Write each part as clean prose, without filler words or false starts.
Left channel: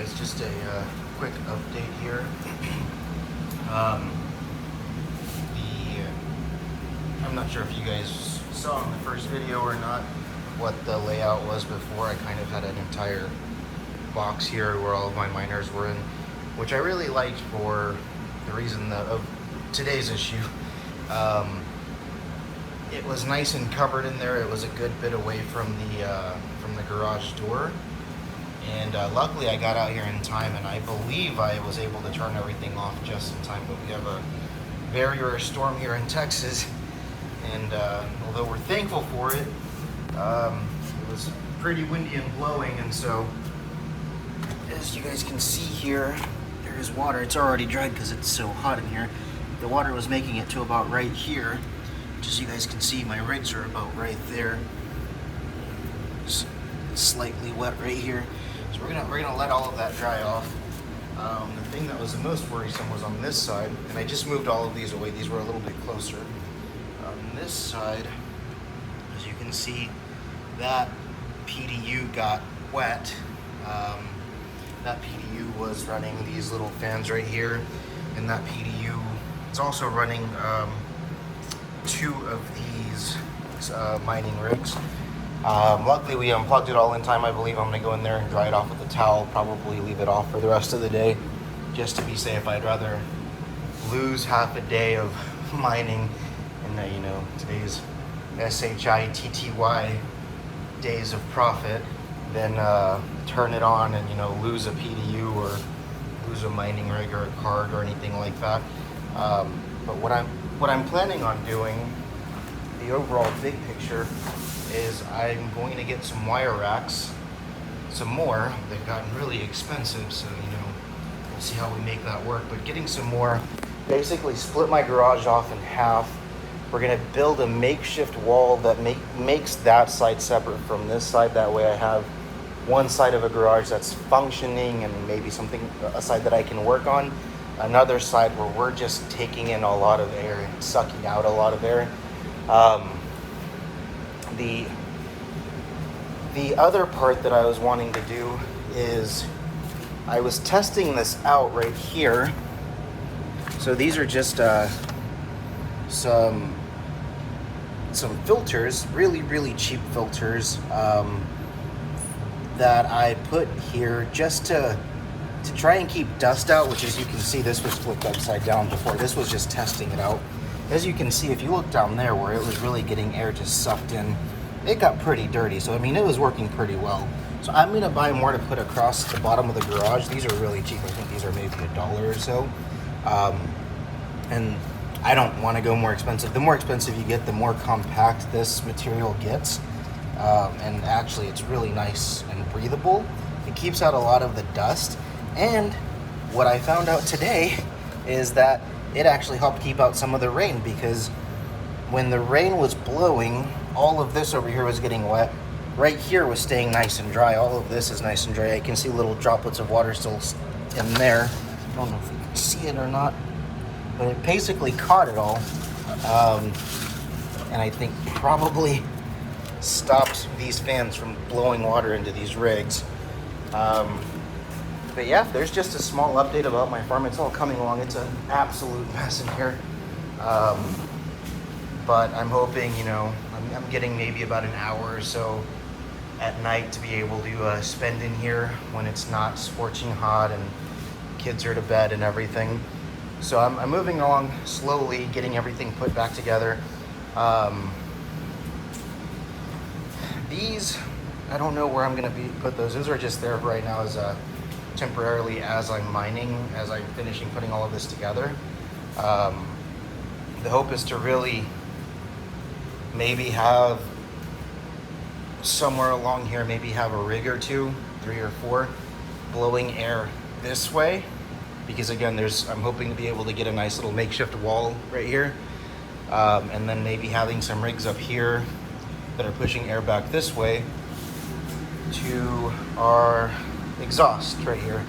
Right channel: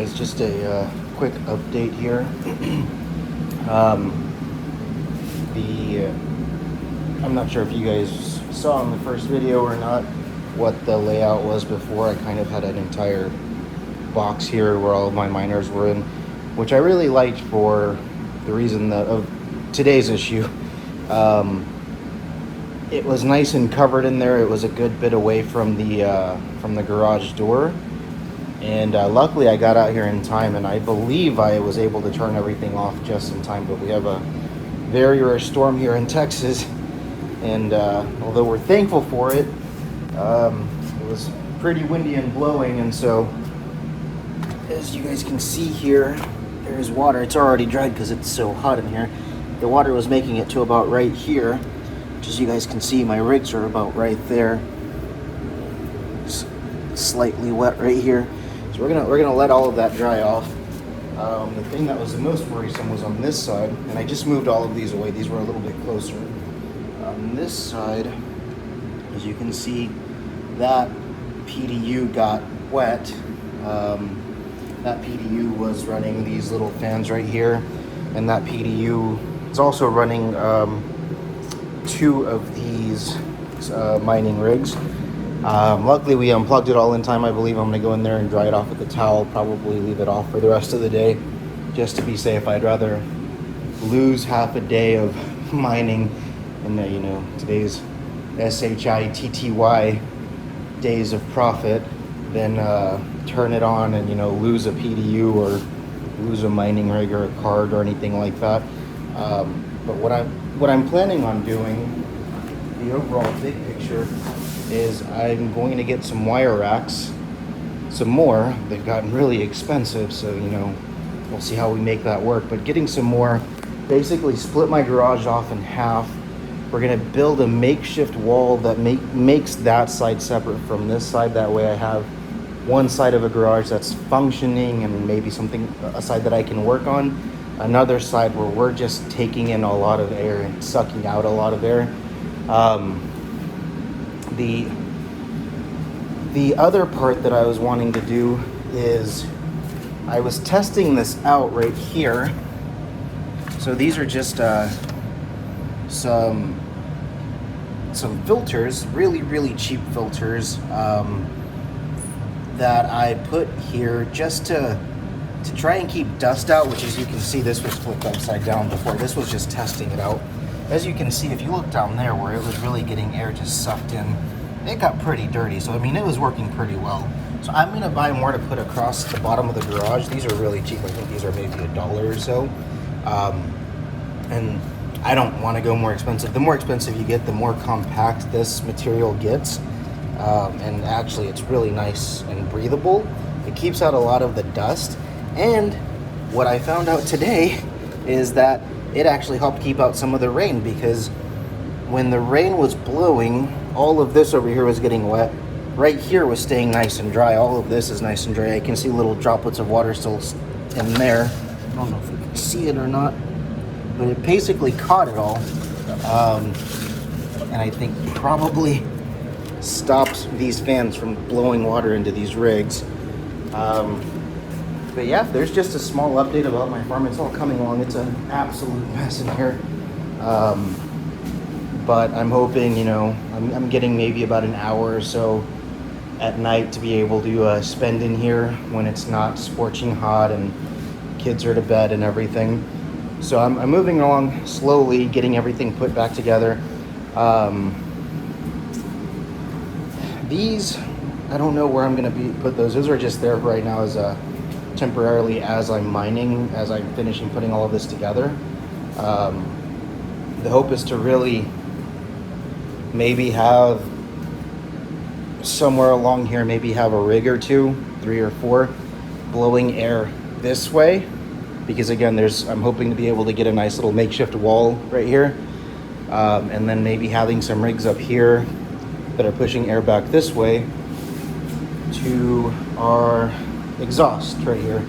guys, just a quick update here. um, I'm not sure if you guys saw in the first video or not what the layout was before. I kind of had an entire box here where all of my miners were in, which I really liked for the reason of today's issue. It was nice and covered in there. It was a good bit away from the garage door. And luckily I got out here in time, and I believe I was able to turn everything off just in time. But we have a very rare storm here in Texas, and although we're thankful for it, it was pretty windy and blowing. And so, as you guys can see here, there is water. It's already dried because it's so hot in here. The water was making it to about right here, which, as you guys can see, my rigs are about right there. It's slightly wet right here. So we're gonna let all of that dry off. The thing that was the most worrisome was on this side, and I just moved all of these away. These were a little bit closer. On this side, as you can see, that PDU got wet. That PDU was running these little fans right here, and that PDU is also running two of these mining rigs. Luckily we unplugged it all in time. I believe I'm gonna go in there and dry it off with a towel, probably leave it off for the rest of the day, just to be safe. I'd rather lose half a day of mining in the, today's SHITTY days of profit than turn it on and, lose a PDU or lose a mining rig or a card or anything like that. But what I'm planning on doing, the overall big picture, is I'm going to get some wire racks, some more. They've gotten really expensive, so we'll see how we make that work. But getting some more, basically split my garage off in half. We're gonna build a makeshift wall that makes that side separate from this side. That way I have one side of the garage that's functioning and maybe something, a side that I can work on. Another side where we're just taking in a lot of air and sucking out a lot of air. The other part that I was wanting to do is I was testing this out right here. So these are just some filters, really cheap filters that I put here just to try and keep dust out, which, as you can see, this was flipped upside down before. This was just testing it out. As you can see, if you look down there where it was really getting air just sucked in, it got pretty dirty. So, I mean, it was working pretty well. So I'm gonna buy more to put across the bottom of the garage. These are really cheap. I think these are maybe $1 or so. And I don't want to go more expensive. The more expensive you get, the more compact this material gets. And actually, it's really nice and breathable. It keeps out a lot of the dust. And what I found out today is that it actually helped keep out some of the rain, because when the rain was blowing, all of this over here was getting wet. Right here was staying nice and dry. All of this is nice and dry. I can see little droplets of water still in there. I don't know if you can see it or not, but it basically caught it all. And I think probably stopped these fans from blowing water into these rigs. But yeah, there's just a small update about my farm. It's all coming along. It's an absolute mess in here. But I'm hoping, I'm getting maybe about an hour or so at night to be able to spend in here when it's not scorching hot and kids are to bed and everything. So I'm moving along slowly, getting everything put back together. These, I don't know where I'm gonna put those. Those are just there right now as temporarily as I'm mining, as I'm finishing putting all of this together. The hope is to really maybe have somewhere along here, maybe have a rig or two, 3 or 4, blowing air this way. Because again, I'm hoping to be able to get a nice little makeshift wall right here. And then maybe having some rigs up here that are pushing air back this way to our exhaust right here.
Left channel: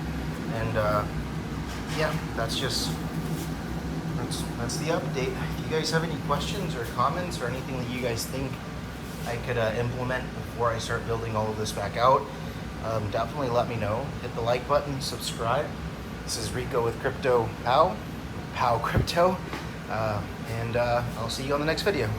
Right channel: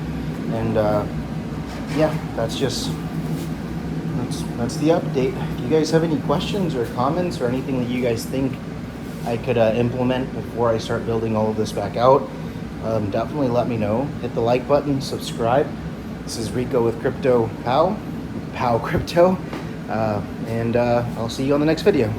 And yeah, that's the update. If you guys have any questions or comments or anything that you guys think I could implement before I start building all of this back out, definitely let me know. Hit the like button, subscribe. This is Rico with Crypto Pow Crypto, and I'll see you on the next video.